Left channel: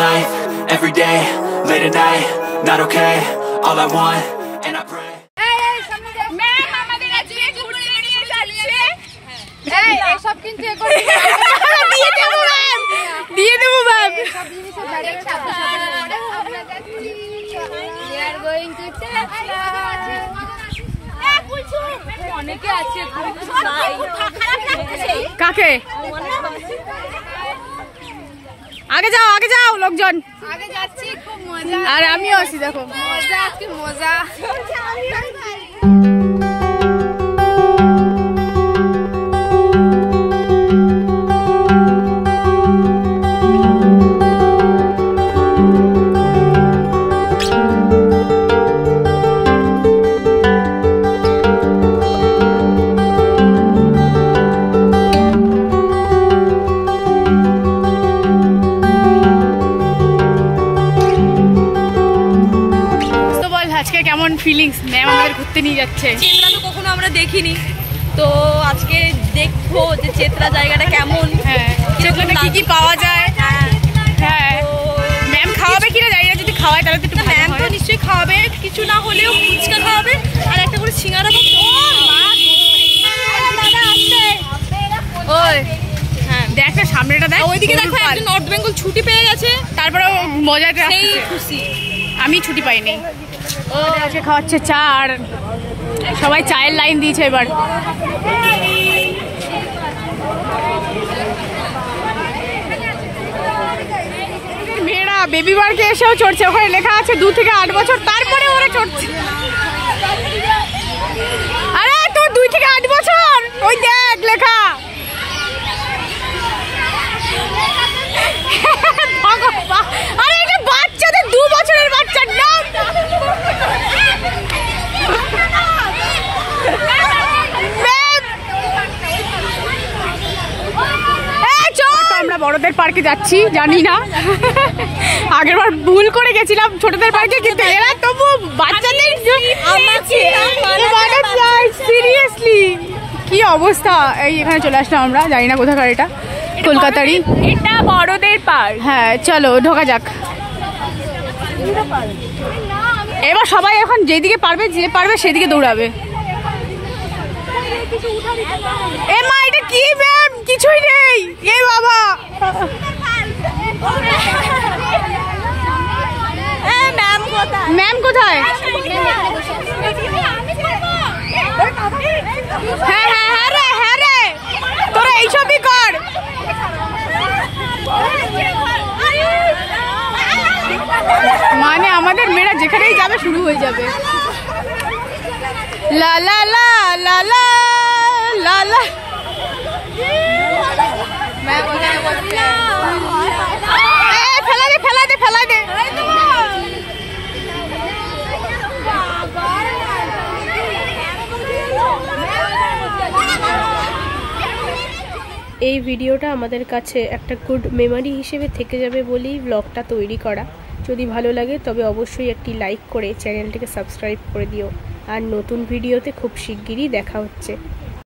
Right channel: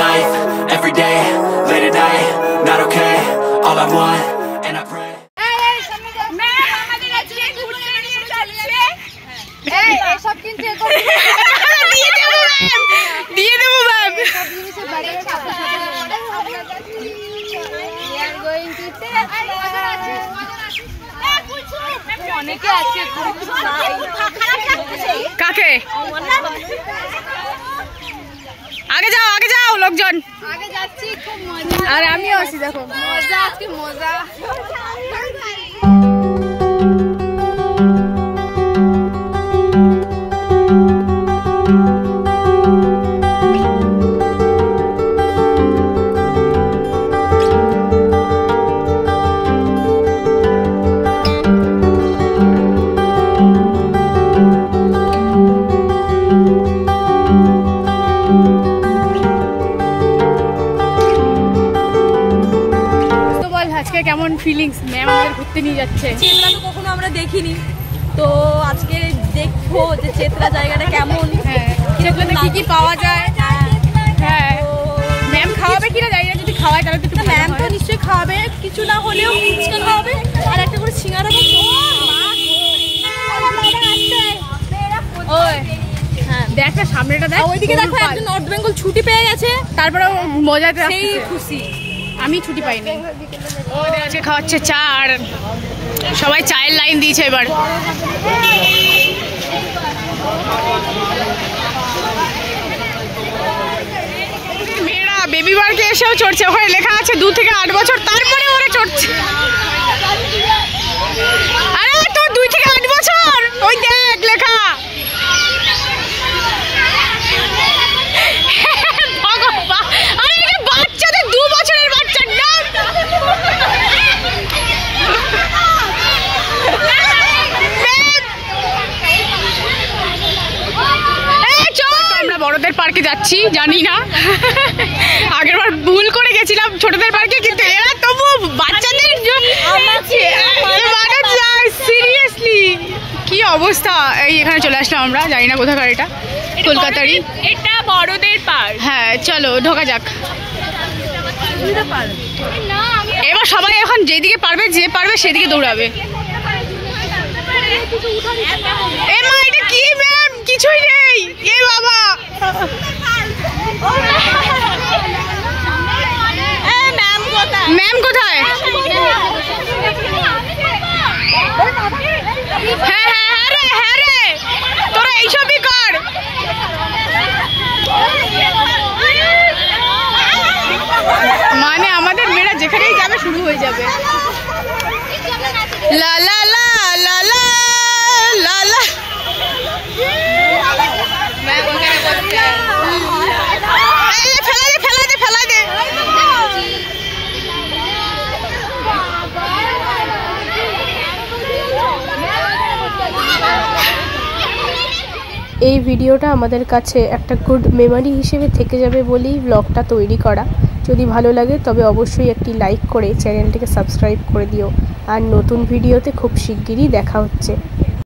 life, every day, late at night, not okay, all I want, and I pray. কাকে আগে যাও লোকজন আগে যাচ্ছি, খুব মজা। আর আমিও আছি, দেখো মজা, আজকে মজা। কেমন ফিলিংস? ম্যাম আমাদের ঘুরতে নিয়ে যাচ্ছে। চেতলা তো কখনো আমরা দেখিনি, তো আজকে দেখবো যে চেতলা জায়গাটা কেমন। হ্যাঁ, চেতলাতে কি কি পাওয়া যায়। হ্যাঁ, ম্যাম খাওয়াবে কিনা জানি না, যদি খাওয়ায় তাহলে তো একটু ভালো হয়। ম্যাম তো নিশ্চয়ই খাওয়াবে, কিছু না হলেও ফুচকা খাওয়াবে আর একটা করে সিঙ্গারা বা হ্যাঁ, দেখ না সামনেটা দেখ, ওইদিকে দেখো একজন নর্থ বেঙ্গল ছুটি পেয়ে গেছে, তারপরে মজাটা সেই খুশি। আমি ছুটি পাইনি। ওদের আজকে খাওয়াচ্ছে চা, আর সবাই চায়ের লাইন দিয়েছে এবার। মেয়েরা বেবি পার্কে এসেও চড়ছে, ওখানে লেখা আছে 2 থেকে 8 বছর, তারপরে ওরা চড়ছে। আরে তো 2 থেকে 8 বছর, ওই দেখ লেখা। আরে এটা বাচ্চাদের 2 বছরের বাচ্চার নাম। আমরা বড়দের পার্কে যাচ্ছি, জানি না আগের বার ভুল করে গেছিলাম ছোটদের পার্কে, কিন্তু এরা তবু বাচ্চাদের। সিরিয়াসলি কি অবস্থা। এই এখানে চলে আসলাম আমরা, জানি না কোথাকার, এটা কলকাতারই। এটা বড়দের পার্ক। হ্যাঁ চলো ঢোকা যাক। এবার সবাই এখন যেদিকে পারবে, যে পারবে সেদিকে দৌড়াবে। এ মা, এটা কি ম্যাম? কিছুই নেই। এ বাবা, ম্যাম কোথায়? হ্যাঁ হ্যাঁ হ্যাঁ রে, হ্যাঁ রে, তোরা এইসবই কর। মানে আমাদের মেয়েরা যেখানেই যাবে শুরু হয়ে যাবে। লা লা লা লা লা লা লা। ফেলা দে ফেলা দে ফেলা দে। এই ভিডিওটা আমাদের কাছে একটা গুড মেমোরি হিসেবে থেকে যাবে বলেই ব্লগটা তৈরি করা। যদি ভালো লাগে তবে অবশ্যই একটি লাইক করে চ্যানেলটিকে সাবস্ক্রাইব করে দিও। আর নতুন ভিডিওতে খুব শিগগিরই দেখা হচ্ছে।